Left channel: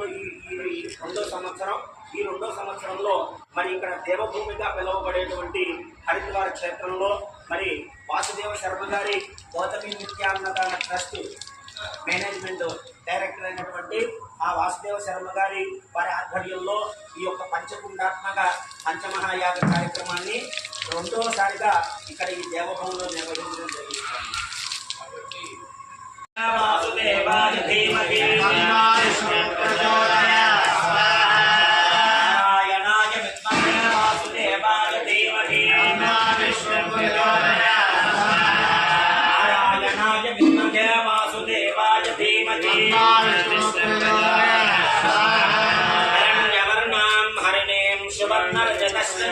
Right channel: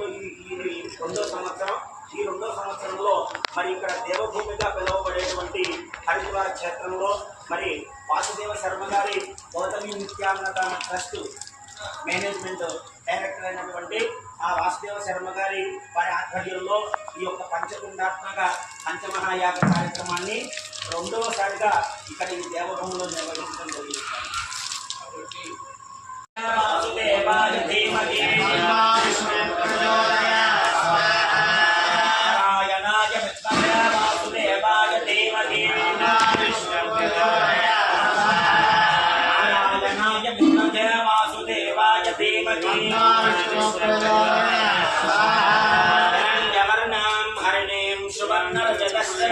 సంవత్సరంలో ఈ రెండో సంవత్సరం. ఈ రెండో సంవత్సరంలో మరి ఇక్కడ దేవభూమిగా పిలువబడేటువంటి హరిద్వార క్షేత్రంలో మరి వాసుదేవ శర్మ గారి గౌతమి నిత్యాన్నదాన ట్రస్ట్ మేనేజ్మెంట్ డైరెక్టర్ అయినటువంటి ఆ వాసుదేవ శర్మ గారి వారి ఆధ్వర్యంలో ఈ యొక్క పంచకుండాత్మక పంచమహాయాగ కార్యక్రమాన్ని రెండోసారిగా ఇక్కడ ఈ దేవభూమిలో నిర్వహించడం జరుగుతుంది. కాబట్టి వాసుదేవాయ ధీమహి నారాయణాయ విద్మహే వాసుదేవాయ ధీమహి నారాయణాయ విద్మహే వాసుదేవాయ ధీమహి హిరణ్యవర్ణాం హరిణీం సువర్ణరజతస్య